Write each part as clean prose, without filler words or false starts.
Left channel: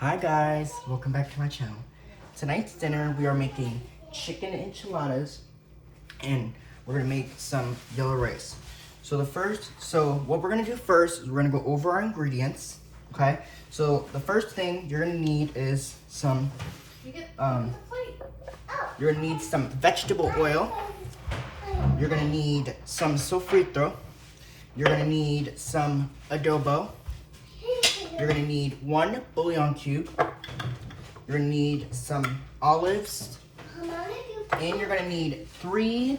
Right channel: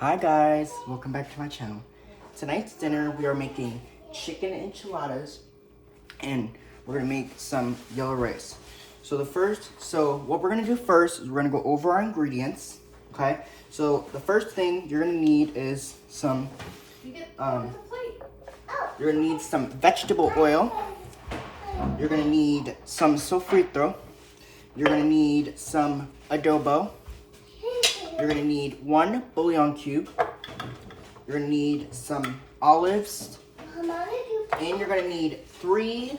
Hi guys, welcome back to my channel. Tonight's dinner we are making chicken enchiladas and we're gonna make some yellow rice. So what we're gonna do first is we're gonna go over our ingredients, okay? So the first thing you're gonna need is some, you're gonna need some vegetable oil. You're gonna need some sofrito. You're gonna need some adobo. You're gonna need 1 bouillon cube. You're gonna need some olives. And you're gonna need 3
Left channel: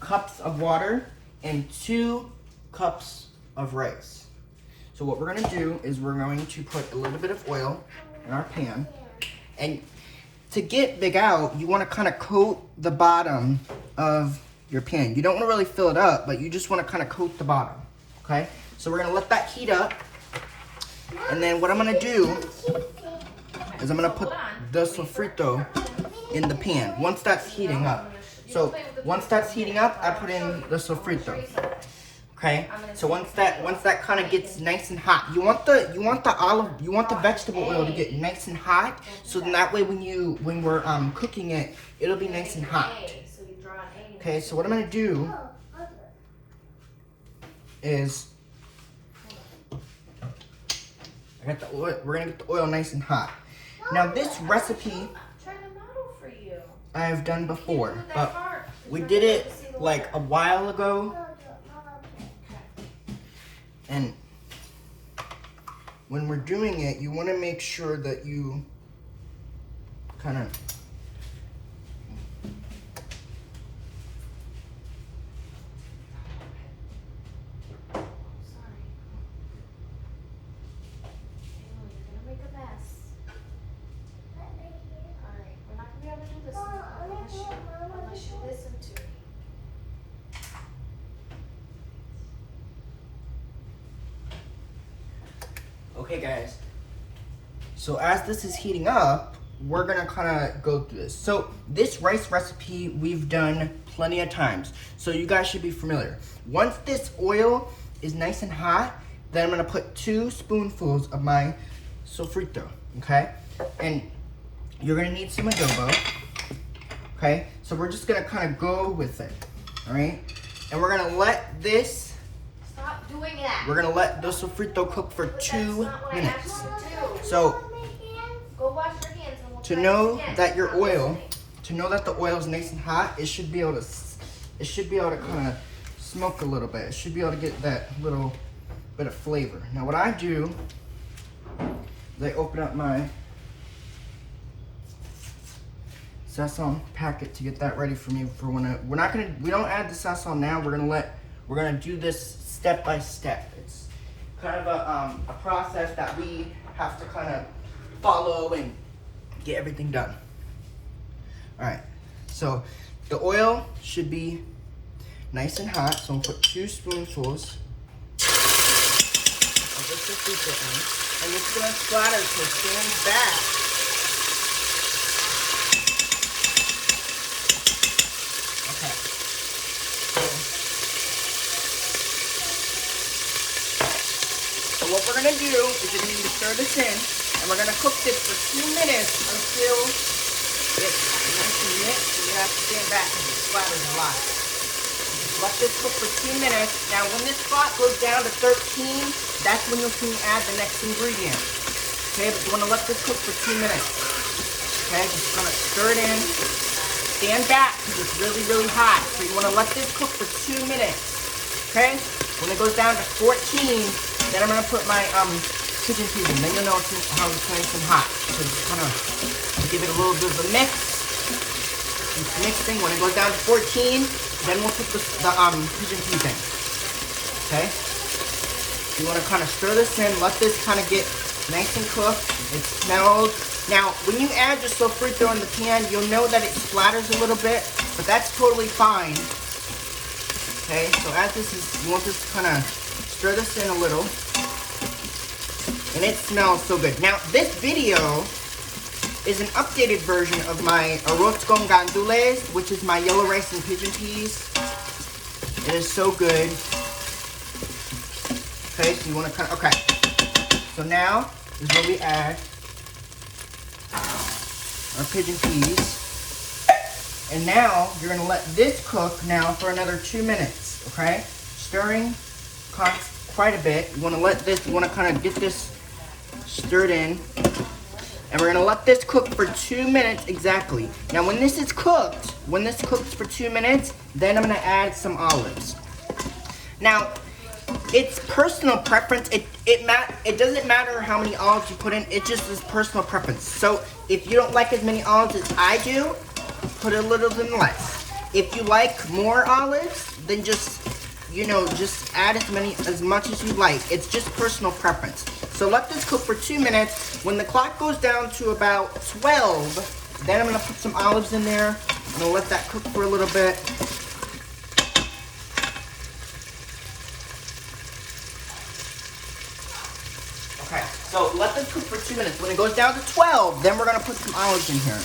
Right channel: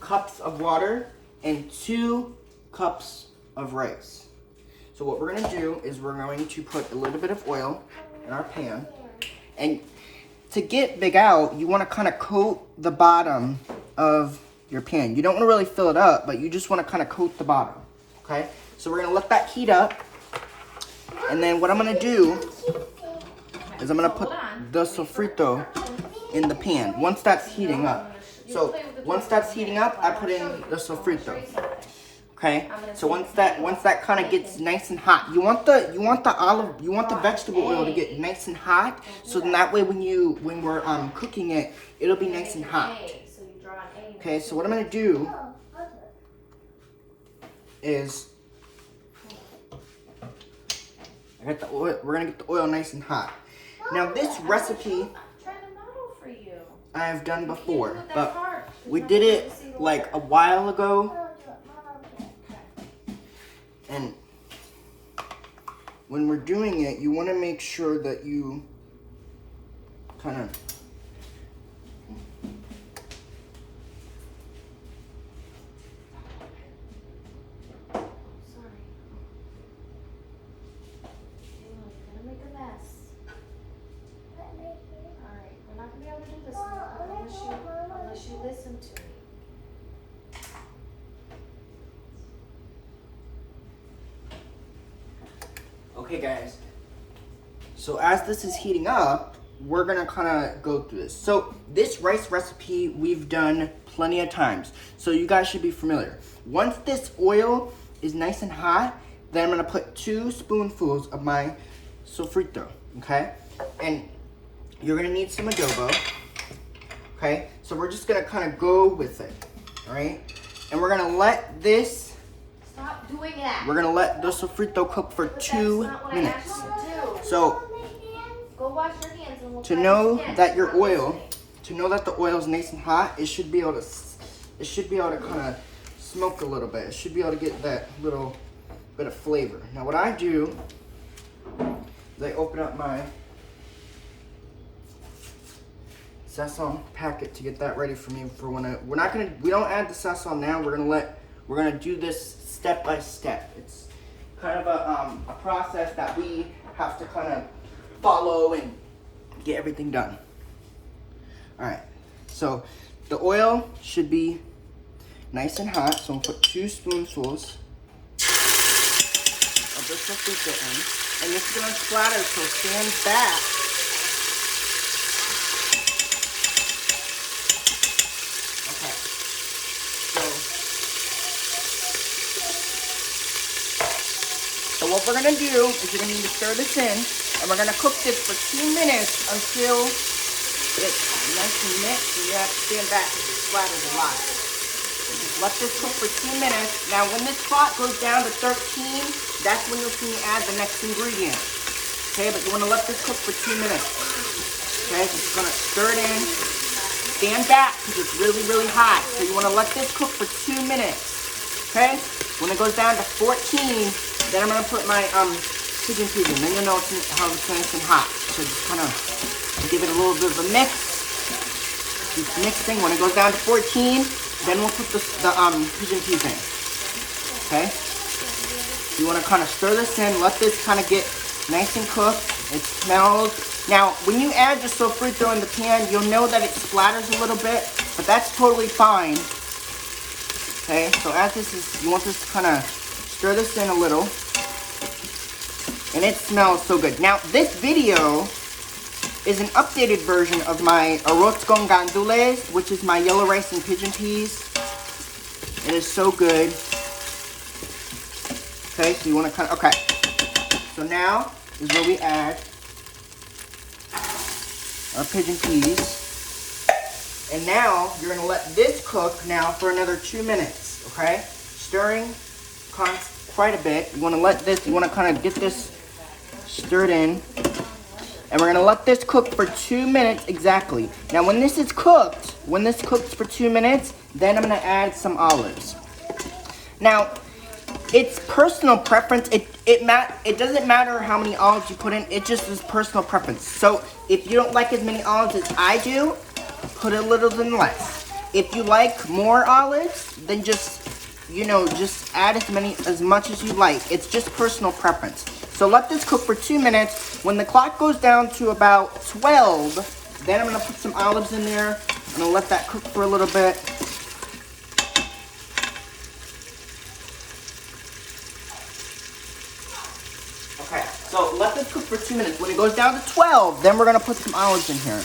cups of water and 2 cups of rice. So what we're gonna do is we're going to put a little bit of oil in our pan. And to get big out, you wanna kinda coat the bottom of your pan. You don't wanna really fill it up, but you just wanna kinda coat the bottom, okay? So we're gonna let that heat up. And then what I'm gonna do is I'm gonna put the sofrito in the pan once that's heating up. So once that's heating up, I put in the sofrito. Okay? So once that kind of gets nice and hot, you want the vegetable oil to get nice and hot, so then that way when we're cooking it, it'll be nice and hot. Okay, so what I'm gonna do is we're gonna get the oil nice and hot. Now this recipe I've done before, but we did it like a while ago. And when we're doing it, you want to make sure that you kind of Okay guys, so as this is heating up, we're gonna kind of go through this. So this rice recipe we've done plenty of times, so you guys should be familiar. Once this oil is nice and hot, then I'm gonna put 2 spoonfuls of my sofrito, okay? And you're gonna need some adobo, okay? So we're just gonna kind of go with it, all right? And we're gonna let this We're gonna let the sofrito cook for 2 minutes. So to know that the oil is nice and hot, it should be able to kind of smoke a little bit. It should be able to get that little bit of flavor. Now what I do is I open up my sazon packet to get that ready for me for when we don't add the sazon now. We're gonna do this step by step. It's kind of a process that we have to kind of follow and get everything done. All right, so the oil should be nice and hot, so I'm gonna put 2 spoonfuls of the sofrito in, and this is gonna splatter, so stand back. Okay, so what we're gonna do is we're gonna need to stir this in, and we're gonna cook this for 2 minutes until it's nice and mixed, and you have to stand back because it splatters a lot. Just let this cook for 2 minutes. Now when this pot goes down to 13, that's when you'll see me add the next ingredient. Okay, but you wanna let this cook for 2 minutes. Okay, just gonna stir it in. Stand back because it's really, really hot. So you wanna let this cook for 2 minutes. Okay, when it goes down to 14, then I'm gonna put my chicken peas in. Then you'll know how it's nice and hot. So just kind of give it a little bit of a mix. Just mixing. When it goes down to 14, then we'll put the pigeon peas in. Okay. You want to kind of stir this in. Let this kind of get nice and cooked. It smells. Now, when you add your sofrito in the pan, you'll know that it splatters a little bit, but that's totally fine. Okay. So as this is, you want this to kind of stir this in a little. And it smells so good. Now, this video is an updated version of my arroz con gandules, which is my yellow rice and pigeon peas. It is so good. Okay, so you want to kind of, okay. So now, is where we add our pigeon peas. And now you're gonna let this cook now for another 2 minutes, okay? Stirring quite a bit. You wanna kind of get this stirred in. And we're gonna let this cook for 2 minutes exactly. Now when this cooks for 2 minutes, then I'm gonna add some olives. Now, it's personal preference. It doesn't matter how many olives you put in, it just is personal preference. So if you don't like as many olives as I do, put a little bit less. If you like more olives, then just add as much as you like. It's just personal preference. So let this cook for 2 minutes. When the clock goes down to about 12, then I'm gonna put some olives in there. I'm gonna let that cook for a little bit. Okay, so let this cook for 2 minutes. When it goes down to 12, then we're gonna put some olives in here.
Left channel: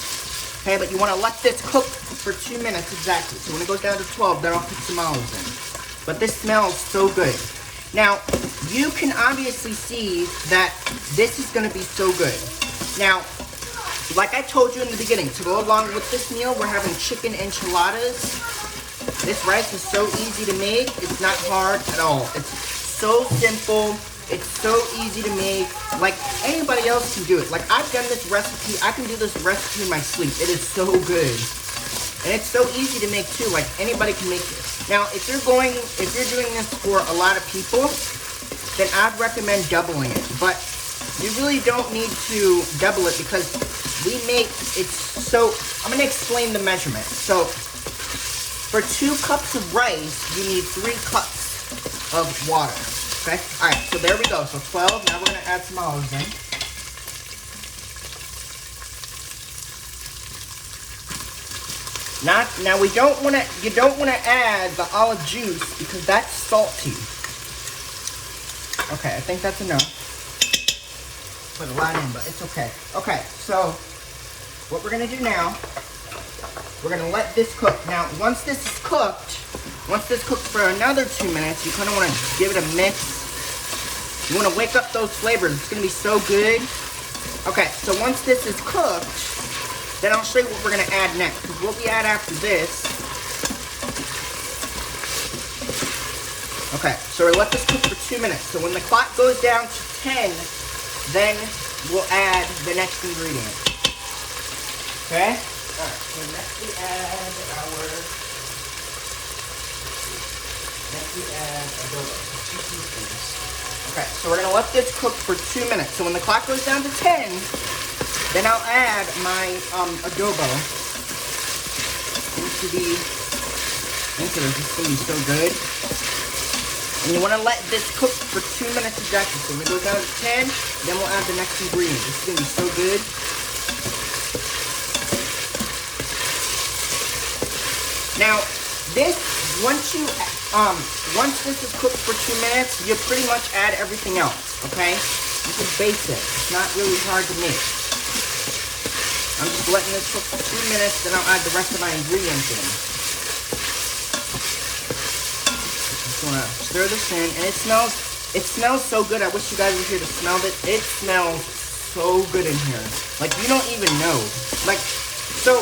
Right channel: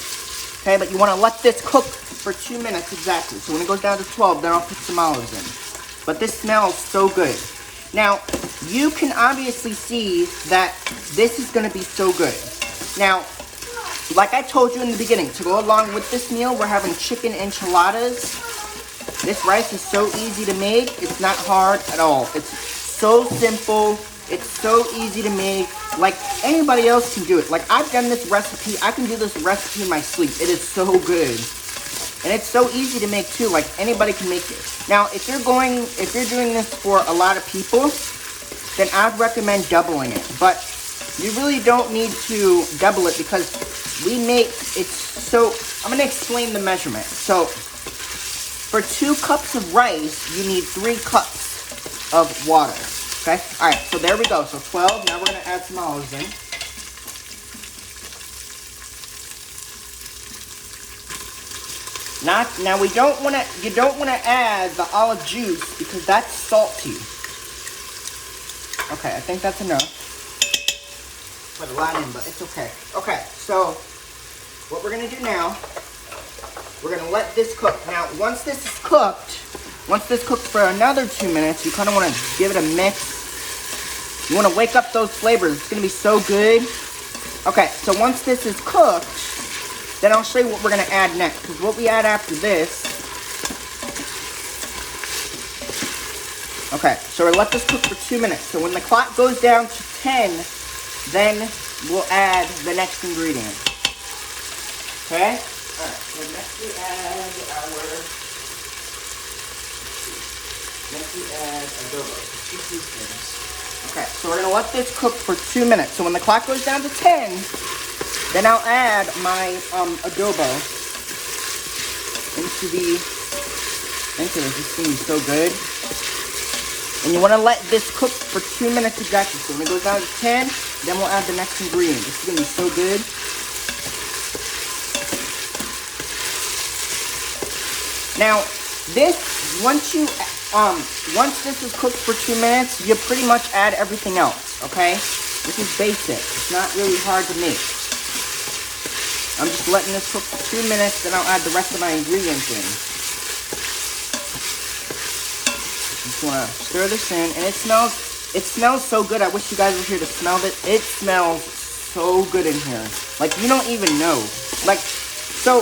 Okay, but you wanna let this cook for 2 minutes exactly. So when it goes down to 12, then I'll put some olives in. But this smells so good. Now, you can obviously see that this is gonna be so good. Now, like I told you in the beginning, to go along with this meal, we're having chicken enchiladas. This rice is so easy to make. It's not hard at all. It's so simple. It's so easy to make. Like, anybody else can do it. Like, I've done this recipe. I can do this recipe in my sleep. It is so good. And it's so easy to make too. Like, anybody can make it. Now, if you're doing this for a lot of people, then I'd recommend doubling it. But you really don't need to double it because I'm gonna explain the measurement. So, for 2 cups of rice, you need 3 cups of water. Okay? Alright, so there we go. So 12, now we're gonna add some olives in. Now you don't wanna add the olive juice because that's salty. Okay, I think that's enough. Put a lot in, but it's okay. Okay, so what we're gonna do now, we're gonna let this cook. Now, once this cooks for another 2 minutes, you kind of wanna give it a mix. You wanna wake up those flavors. It's gonna be so good. Okay, so once this is cooked, then I'll show you what we're gonna add next. Because what we add after this. Okay, so we'll let this cook for 2 minutes. So when the clock goes down to 10, then we'll add the next ingredient. Okay? Alright, so next we add adobo. 2 teaspoons. Okay, so we're gonna let this cook for 2 minutes. So when the clock goes down to 10, then I'll add my adobo into this. This is gonna be so good. And you wanna let this cook for 2 minutes exactly. So when it goes down to 10, then we'll add the next ingredient. This is gonna be so good. Now, once this is cooked for 2 minutes, you pretty much add everything else, okay? This is basic. It's not really hard to make. I'm just letting it cook for 2 minutes, then I'll add the rest of my ingredients in. Just wanna stir this in, and it smells so good. I wish you guys were here to smell it. It smells so good in here. Like, you don't even know. Like, so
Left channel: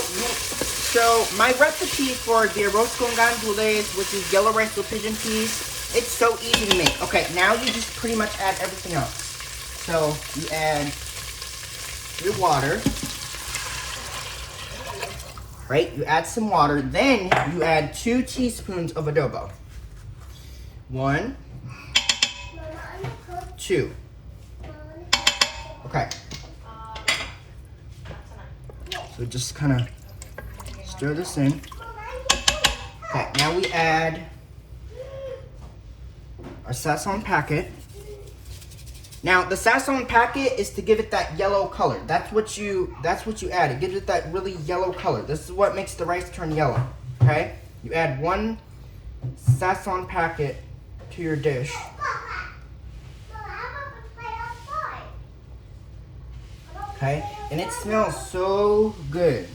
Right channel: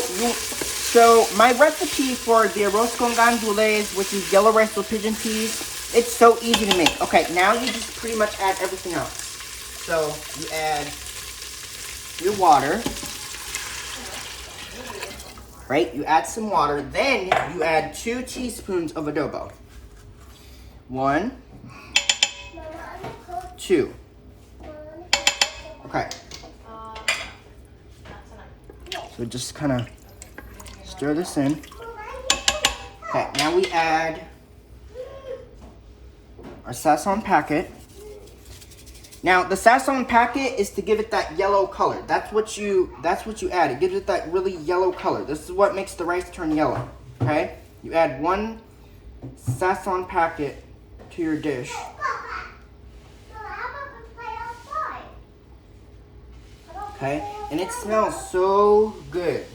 my recipe for the arroz con gandules, which is yellow rice with pigeon peas, it's so easy to make. Okay, now you just pretty much add everything else. So you add your water, right? You add some water, then you add 2 teaspoons of adobo. 1, 2. Okay. So just kind of stir this in. Okay, now we add our sazon packet. Now the sazon packet is to give it that yellow color. That's what you add. It gives it that really yellow color. This is what makes the rice turn yellow. Okay? You add 1 sazon packet to your dish. Okay? And it smells so good.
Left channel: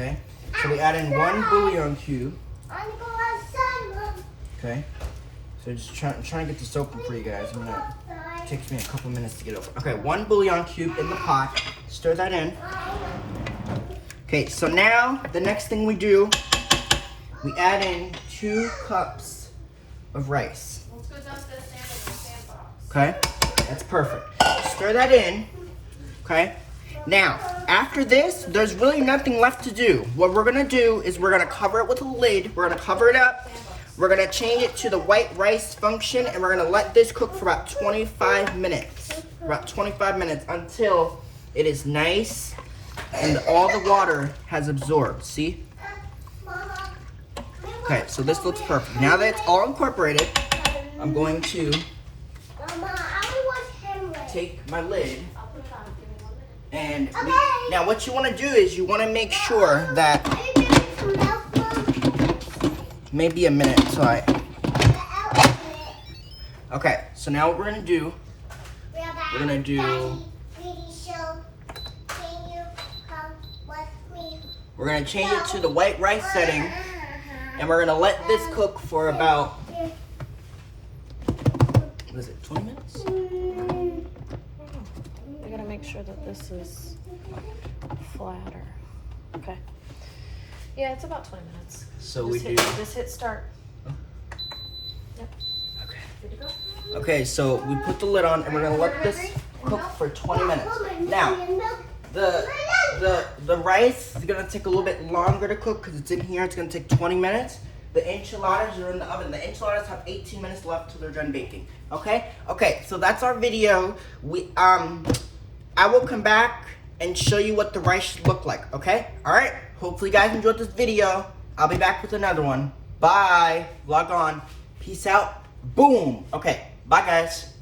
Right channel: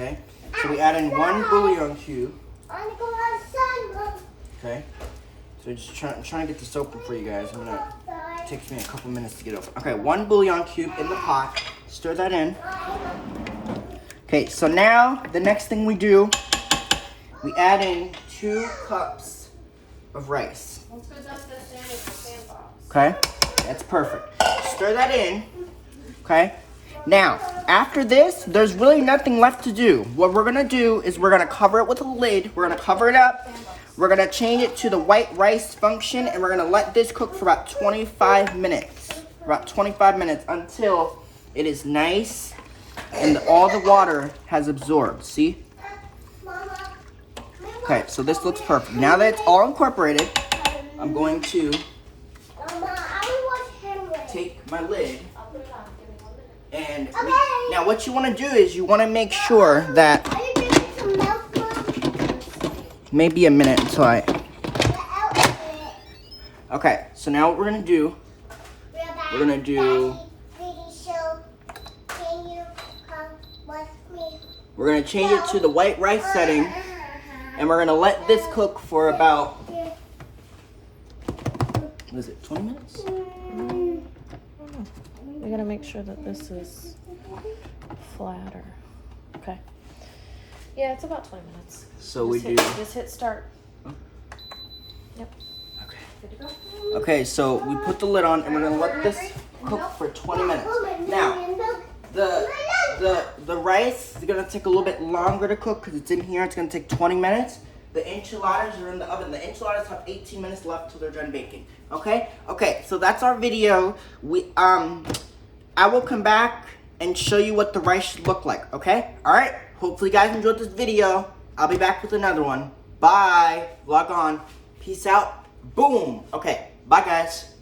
Okay, so we add in 1 bouillon cube. Okay, So just trying to get this open for you guys. It takes me a couple minutes to get open. Okay, 1 bouillon cube in the pot. Stir that in. Okay, so now the next thing we do, we add in 2 cups of rice. Okay, that's perfect. Stir that in. Okay. Now, after this, there's really nothing left to do. What we're gonna do is we're gonna cover it with a lid. We're gonna cover it up. We're gonna change it to the white rice function, and we're gonna let this cook for about 25 minutes. About 25 minutes until it is nice and all the water has absorbed. See? Okay, so this looks perfect. Now that it's all incorporated, I'm going to take my lid. And now what you want to do is you want to make sure that maybe a minute until okay, so now what we're going to do, we're going to change it to the white rice setting, and we're going to let this cook for about, what is it, 20 minutes? We gotta make sure that this is flatter. Okay. Yeah, it's about 20 minutes. So Just hit start. Yep. Okay, so we put the lid on and we're gonna let this cook for 20 minutes. Now, the rice is gonna take a little bit longer to cook because it's in here. It's gonna take 20 minutes. The enchiladas are in the oven. The enchiladas have 18 minutes left till they're done baking. Okay? Okay, so that's our video. I will come back and show you what the rice should look like, okay? Alright, hopefully you guys enjoyed this video. I'll be back with another one. Bye. Vlog on. Peace out. Boom. Okay, bye guys.